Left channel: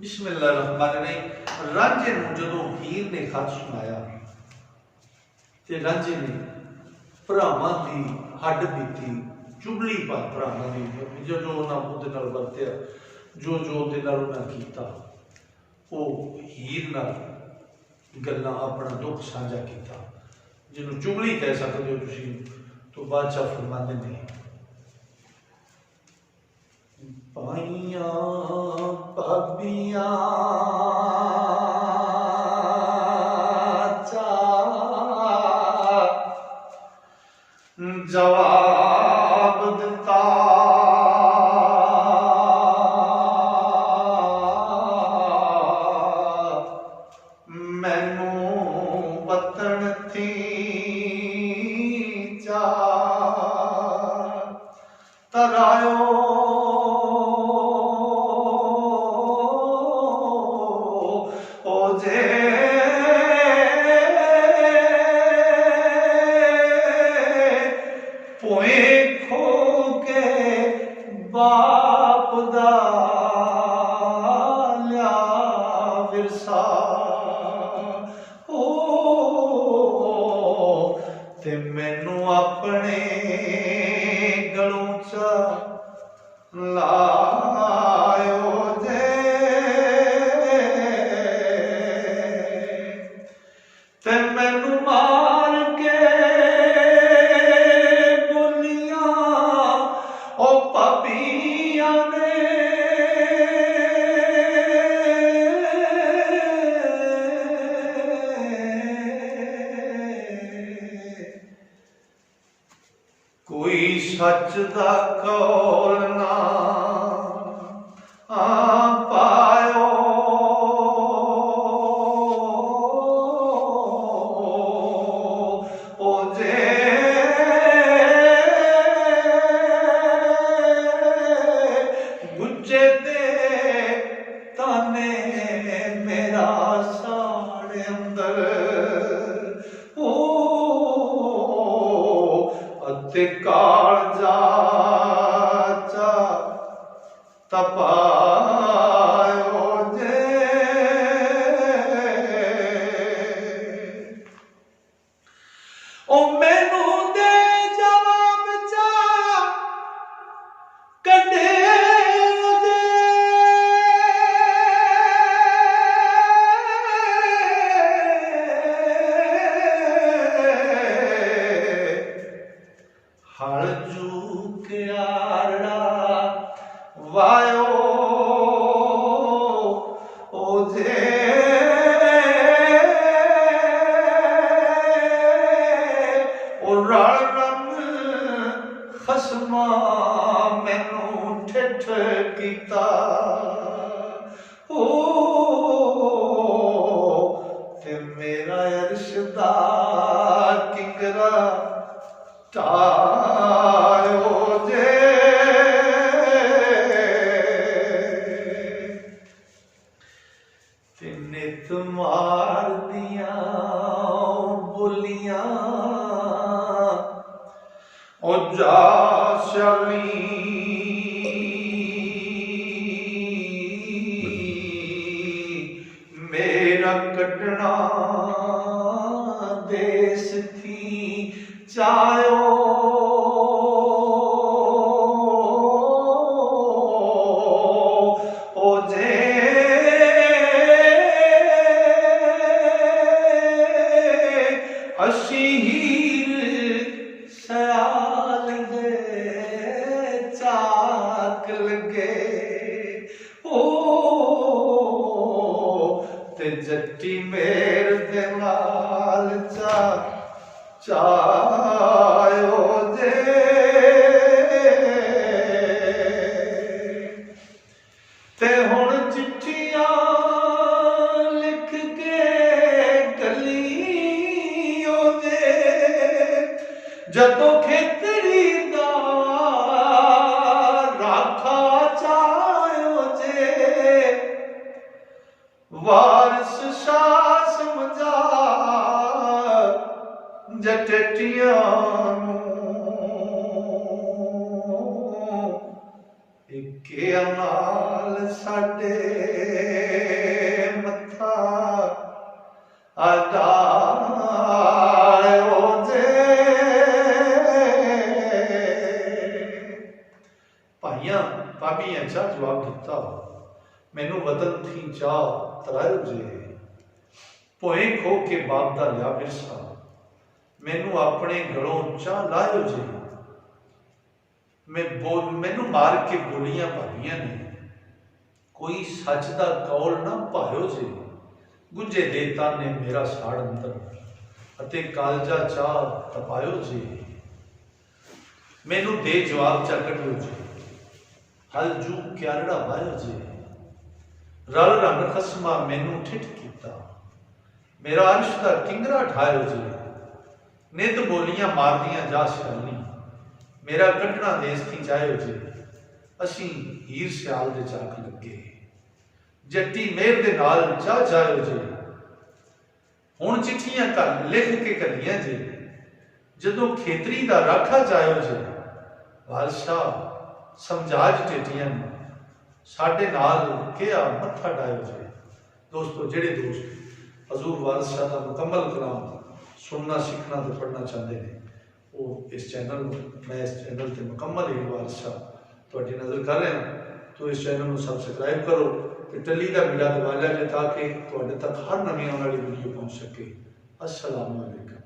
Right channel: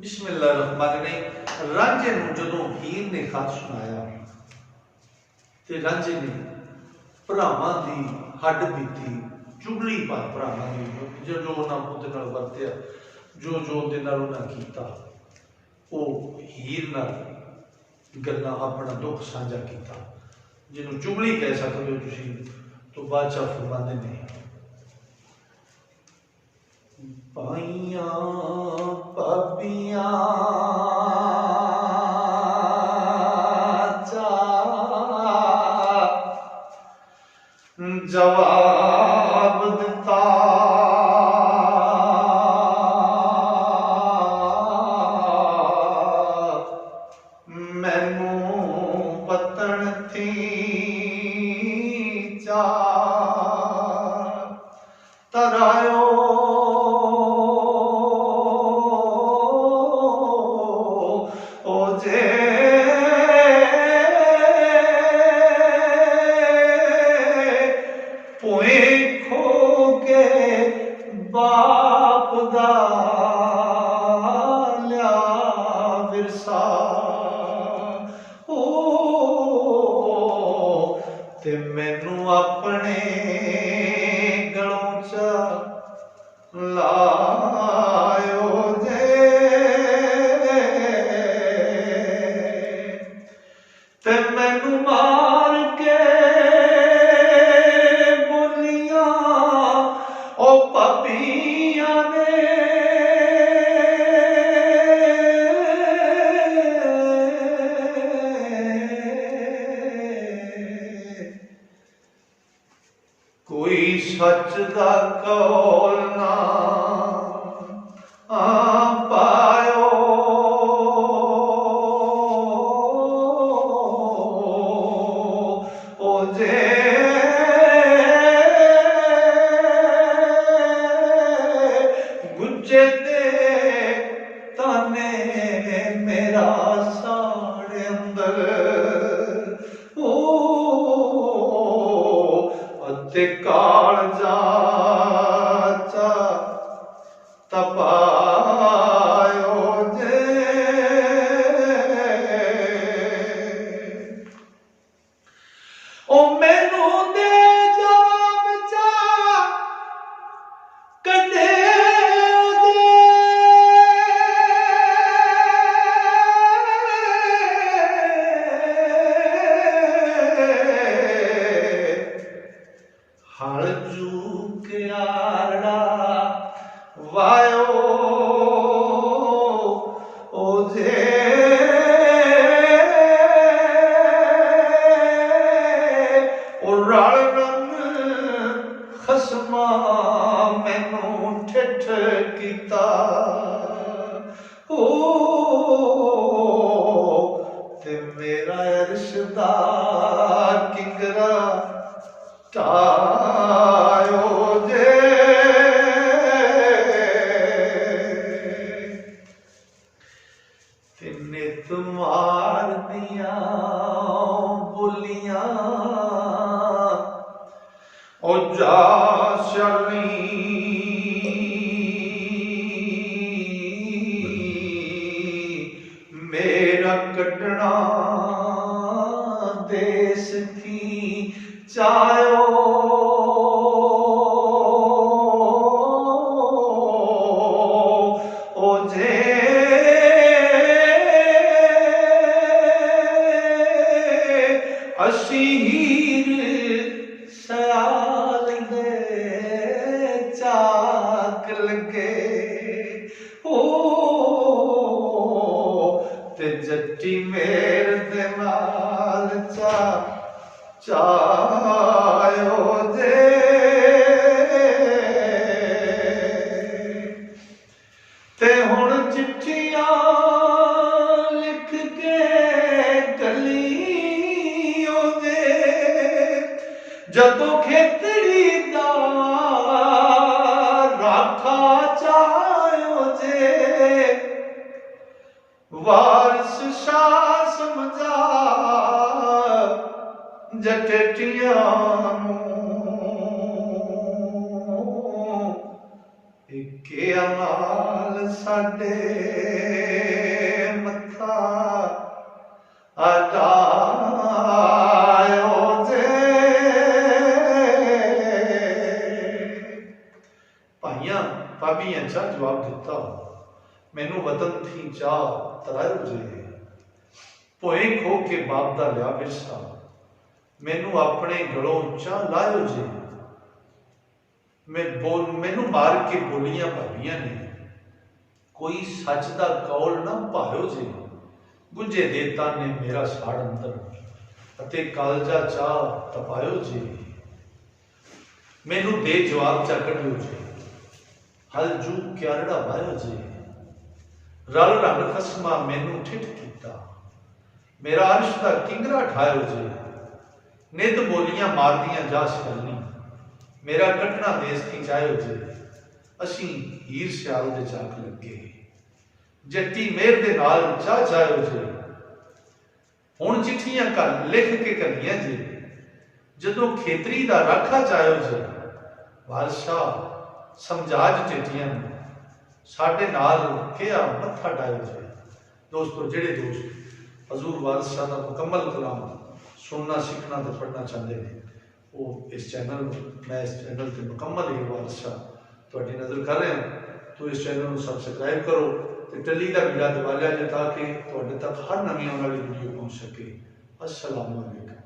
बिस्मिल्लाहिर्रहमानिर्रहीम। रांझे नूं जदों हीर ने खत सुनाया ते रांझे ने भरावां दी हड्ड बीती चुगली पाई, भरावां दी जो जो उन्हां उहदे नाल वरतिया, जो जो उहदे नाल उन्हां कीता, वो हीर नाल गल्लां अपना दुख साझा कीता, जिन्हों चुगली कह सकते हो तुसीं। तो बादशाह फरमांदे ने, पाइयां भाबियां चा जवाब दिता, मैनू वतन थी चा तरायो ओ जे पोखो के बाप दा लिया विरसा ओ ते मैनू अपने गलों च लायो जे ते मैनू मार के बोलियां ओ पपियां ने कोई सच दा कौल ना पायो ओ जे गुज्जे दे ताने मेरा साढ़े अंदर ओ अते कालजा चा तपायो जे ओ मैनू दे जवाब चा कढे जे हल जूके आरड़ा वायो ओ जे ओ रल रंग खसमा मैनू ठिठ कीता ओ ते मेरा अरशदा किंगरा टायो जे ते नित मार दियां बोलियां ओ जा शाली मेरा कटना देश थी चायो ओ जे असी हीर सयाल दे चाक लगे ओ ते जट्टी मेर दे नाल चायो जे ते हुण चिट्ठियां लिख के गलियो जे जदों खेतरी दा राखा चायो जे वारिस शाह समझा जटटियां के अमाल साडे ਹਟਾਇਓ ਜੇ। ਭਾਈਆਂ ਭਾਬੀਆਂ ਚਾਹ ਜਵਾਬ ਦਿੱਤਾ, ਮੈਨੂੰ ਵਤਨ ਥੀ ਚਾਹ ਤਰਾਇਓ ਜੇ। ਭੋਏ ਖੋ ਕੇ ਬਾਪ ਦਾ ਲਿਆ ਵਿਰਸਾ, ਮੈਨੂੰ ਆਪਣੇ ਗਲੋਂ ਚਾਹ ਲਾਇਓ ਜੇ। ਮੈਨੂੰ ਮਾਰ ਕੇ ਬੋਲੀਆਂ ਭਾਬੀਆਂ ਨੇ, ਕੋਈ ਸੱਚ ਦਾ ਕੌਲ ਨਾ ਭਾਇਓ ਜੇ। ਗੁੰਝੇ ਦੇ ਤਾਨੇ ਮੇਰਾ ਸਾੜ ਅੰਦਰ, ਅਤੇ ਕਾਲਜਾ ਚਾਹ ਤਪਾਇਓ ਜੇ। ਮੈਨੂੰ ਦੇ ਜਵਾਬ ਚਾ ਕੱਢਿਓ ਜੇ, ਹਲ ਜੂ ਕਿਆਰੜਾ ਵਾਇਓ ਜੇ। ਰਲ ਰੰਗ ਖਸਮਾ ਮੈਨੂੰ ਠਿੱਠ ਕੀਤਾ, ਮੇਰਾ ਅਰਸ਼ ਦਾ ਕਿੰਗਰਾ ਠਾਇਓ ਜੇ। ਨਿੱਤ ਬੋਲੀਆਂ ਮਾਰਦੀਆਂ ਜਾ ਸ਼ਕਲਨੀ, ਮੇਰਾ ਕੱਢਣਾ ਦੇਸ ਥੀ ਜਾਇਓ ਜੇ। ਅਸੀਂ ਹੀਰ ਸਿਆਲ ਦੇ ਚਾਕ ਲੱਗੇ, ਜੱਟੀ ਮੇਰ ਦੇ ਨਾਲ ਜਾ ਜਾਇਓ ਜੇ। ਹੁਣ ਚਿੱਠੀਆਂ ਘਰ ਲਿਖ ਕੇ ਘੱਲੀਆਂ ਜੇ, ਜਦੋਂ ਖੇਤਰੀ ਦਾ ਰਾਖਾ ਜਾਇਓ ਜੇ। ਬਾਦਸ਼ਾਹ ਸਮਝਾਜ ਟੇਟੀਆਂ ਨੂੰ, ਸਾਡੇ ਨਾਲ ਕਿਹਾ ਮੱਥਾ ਡਾਇਓ ਜੇ। ਦੋਸਤੋ, ਜਿਹੜੇ ਦੋਸਤ ਹਜ਼ੂਰ ਵਾਰਿਸ ਸ਼ਾਹ ਦਾ ਮੁਕੰਮਲ ਕਲਾਮ ਸੁਣਨਾ, ਸਿੱਖਣਾ ਤੇ ਪੜ੍ਹਨਾ ਚਾਹੁੰਦੇ ਨੇ, ਉਹ ਇਸ ਚੈਨਲ ਨੂੰ, ਮੈਂ ਇਸ ਚੈਨਲ ਤੇ ਮੁਕੰਮਲ ਹੀਰ ਵਾਰਿਸ ਸ਼ਾਹ ਤੁਹਾਡੀ ਨਜ਼ਰ ਕਰ ਰਿਹਾ, ਤੋ ਇਸ ਚੈਨਲ ਨੂੰ ਸਬਸਕ੍ਰਾਈਬ ਕਰੋ ਤੇ ਟੱਲੀ ਦਾ ਬੀੜਾ ਦਬਾ ਲਿਆ ਜੇ, ਤਾਂ ਕਿ ਤੁਹਾਡੇ ਤੱਕ ਹਰ ਨਵੀਂ ਆਉਣ ਵਾਲੀ ਵੀਡੀਓ ਪਹੁੰਚ ਸਕੇ। अस्सलाम वालेकुम।